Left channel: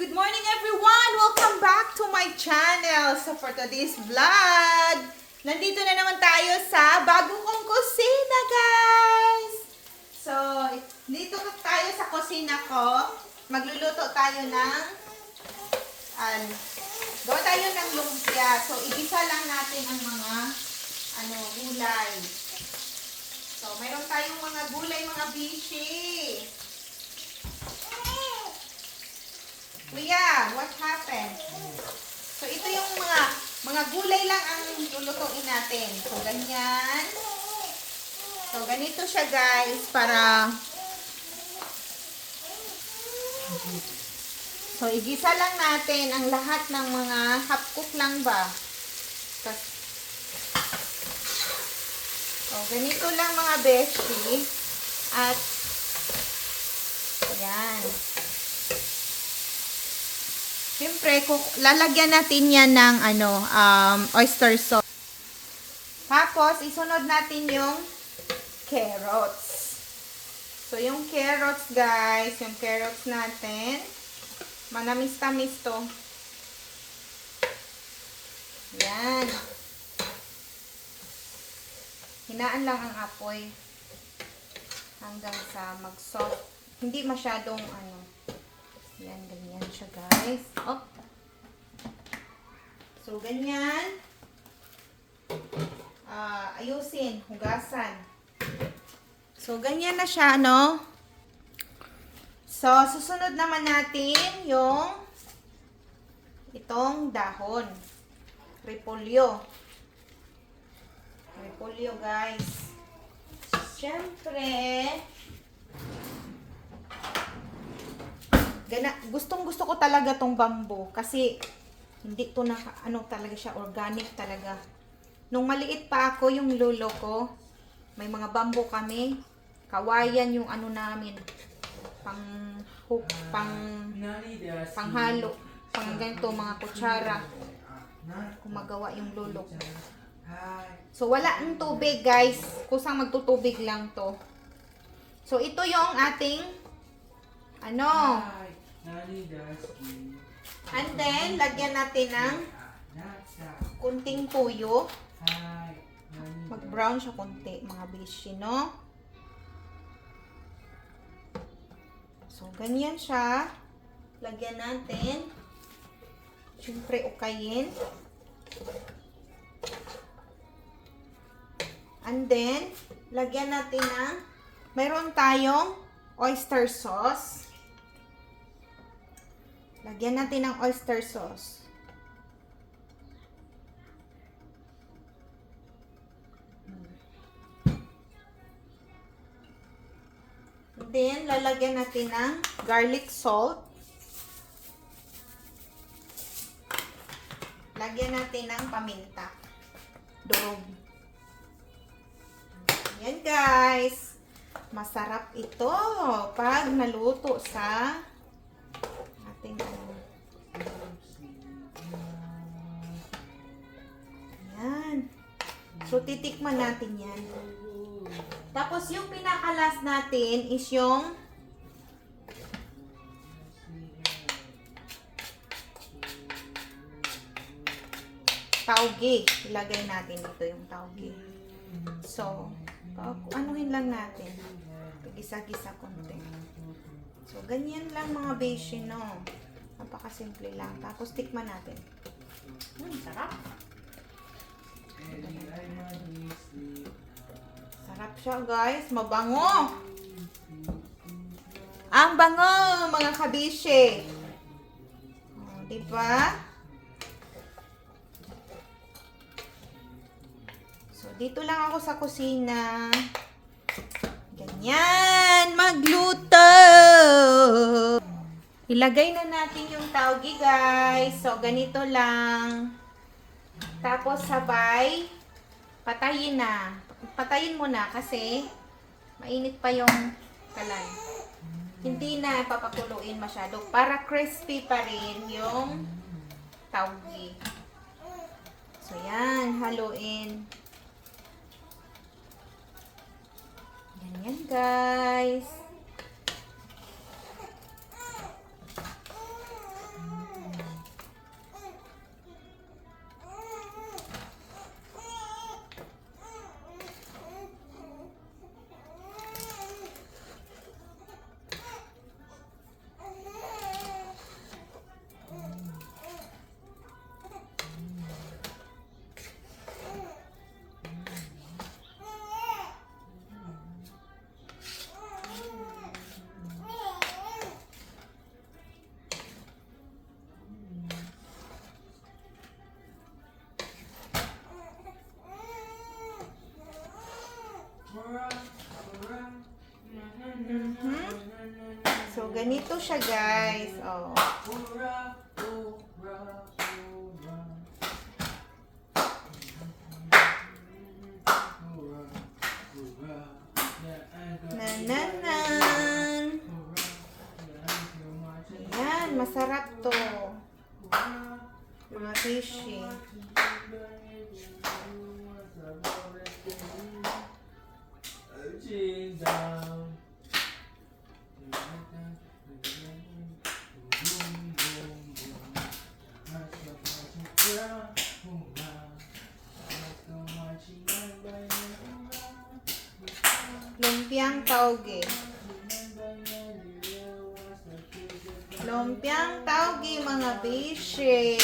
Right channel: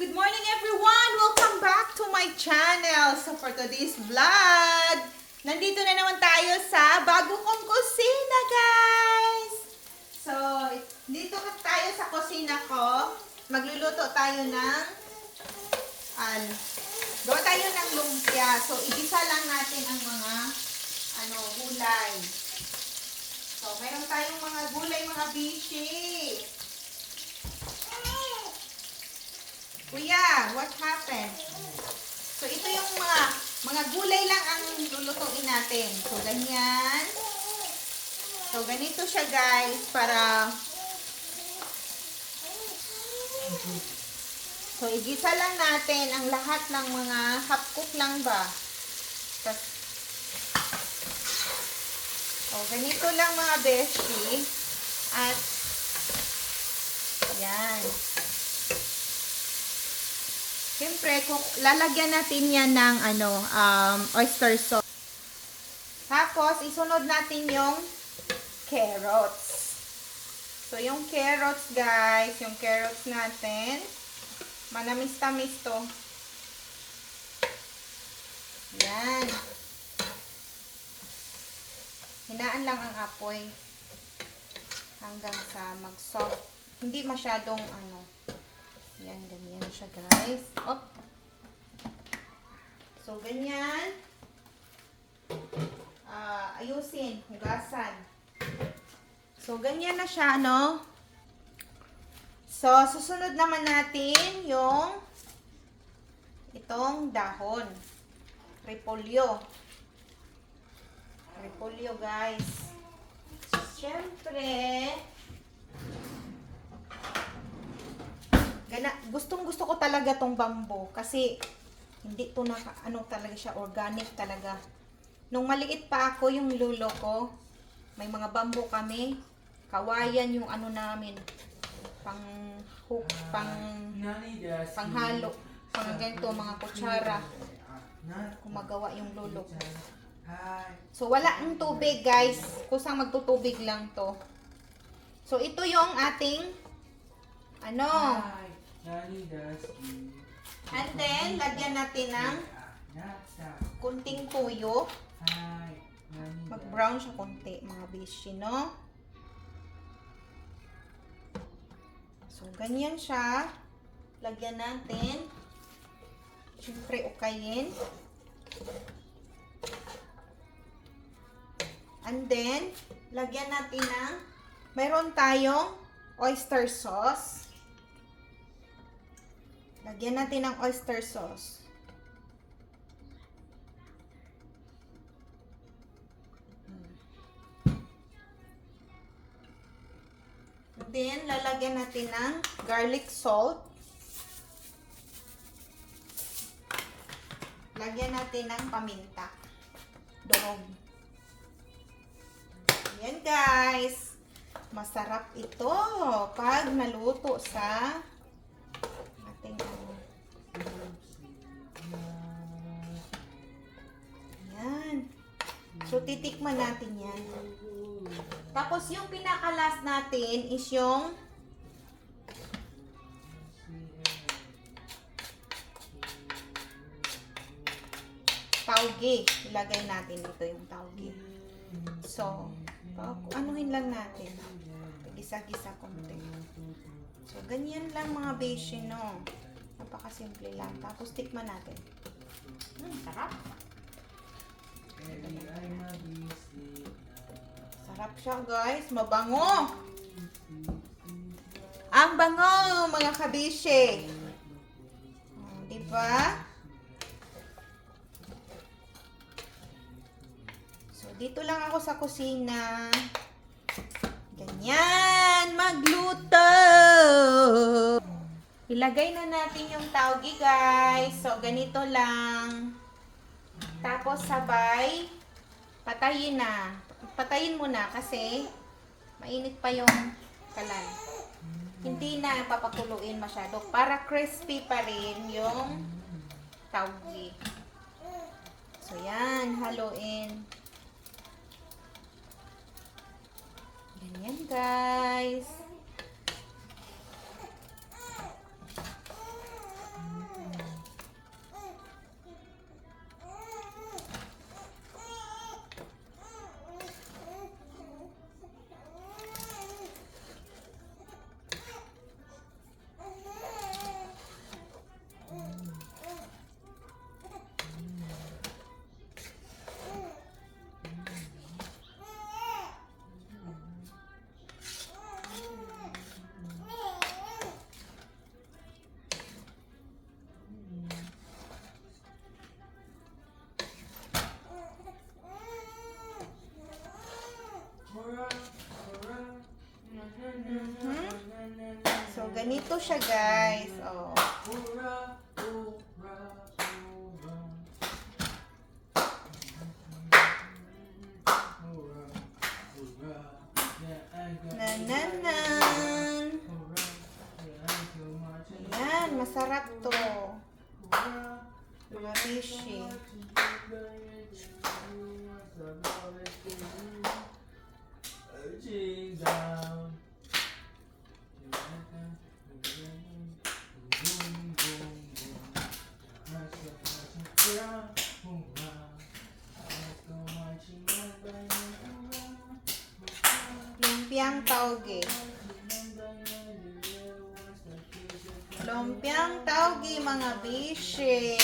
Good morning everyone! Welcome back to my channel. So for today's vlog, nandito na naman tayo sa bago kong kusina, guys! So, dito tayo sa kusina ko. Magluluto tayo ng gawa tayo ng lumpia. So, igisa lang natin ang mga gulay. So, mayroon tayong mga gulay, mga bishi. Kuya, what happened? So, ito yung mga gulay lang ang lulutuin natin. So, ganyan. So, ganito siya, guys, para so, igisa lang natin ang lahat ng mga half-cook lang ba. So, ganito lang mga beshi. At, ayan. Siyempre, lalagyan natin yan ng oyster sauce. Tapos, isunod natin yung carrots. So, yung carrots, guys, yung carrots natin, manamis-tamis to. Yan. Hinaan lang ang apoy hanggang sa mag-soft. Hindi masyadong yan, ganyan siya, guys. Oh. So, ganyan. Ayusin, hugasan. So, ganyan na siya, So, susunod naman natin yung itong dahon. Repolyo. Repolyo, guys. Siyempre, gustong-gusto ko talaga tong bamboo kasi hindi to talaga siya, organic talaga. Nung maliit pa ako, yung lolo ko, may mga bamboo kami. Kawayan yung namin. Panghalo. Pang ganito, mga kutsara. Kumagawa yung lolo ko. So, wala ang tubig, guys. Kusang magtutubig lang to. So, ito yung ating and then, lagyan natin ng kunting tuyo. Mag-brown siya kunti, mga bishi, no? So, ganyan siya. Lagyan natin. Siyempre, ukayin. And then, lagyan natin ng mayroon tayong oyster sauce. Lagyan natin ng oyster sauce. Then, lalagyan natin ng garlic salt. Lagyan natin ng paminta. Durog. Ayan, guys. Masarap ito pag naluto sa ating ayan. So, titikman natin yan. Tapos, yung pinakalas natin is yung tauge. Ilagay natin dito yung tauge. So, anuhin lang natin. Gisa-gisa konti. So, ganyan lang mga beshi, no? Napakasimple lang. Tapos, tikman natin. Sarap. Sarap siya, guys. Mabango. Ang bango, mga kabishi. Diba? So, dito lang ako sa kusina. Ganyan. Magluto. Ilagay na natin yung tauge, guys. So, ganito lang. Tapos, sabay, patayin na. Patayin mo na kasi mainit pa yung kalan. Hindi na papakuluin masyado para crispy pa rin yung tauge. So, yan. Haluin. Ganyan, guys. ganito siya guys. Oh. Nananan. Ayan, masarap to. Mga fishy. Lumpiang tauge. Lumpiang tauge mga fishy.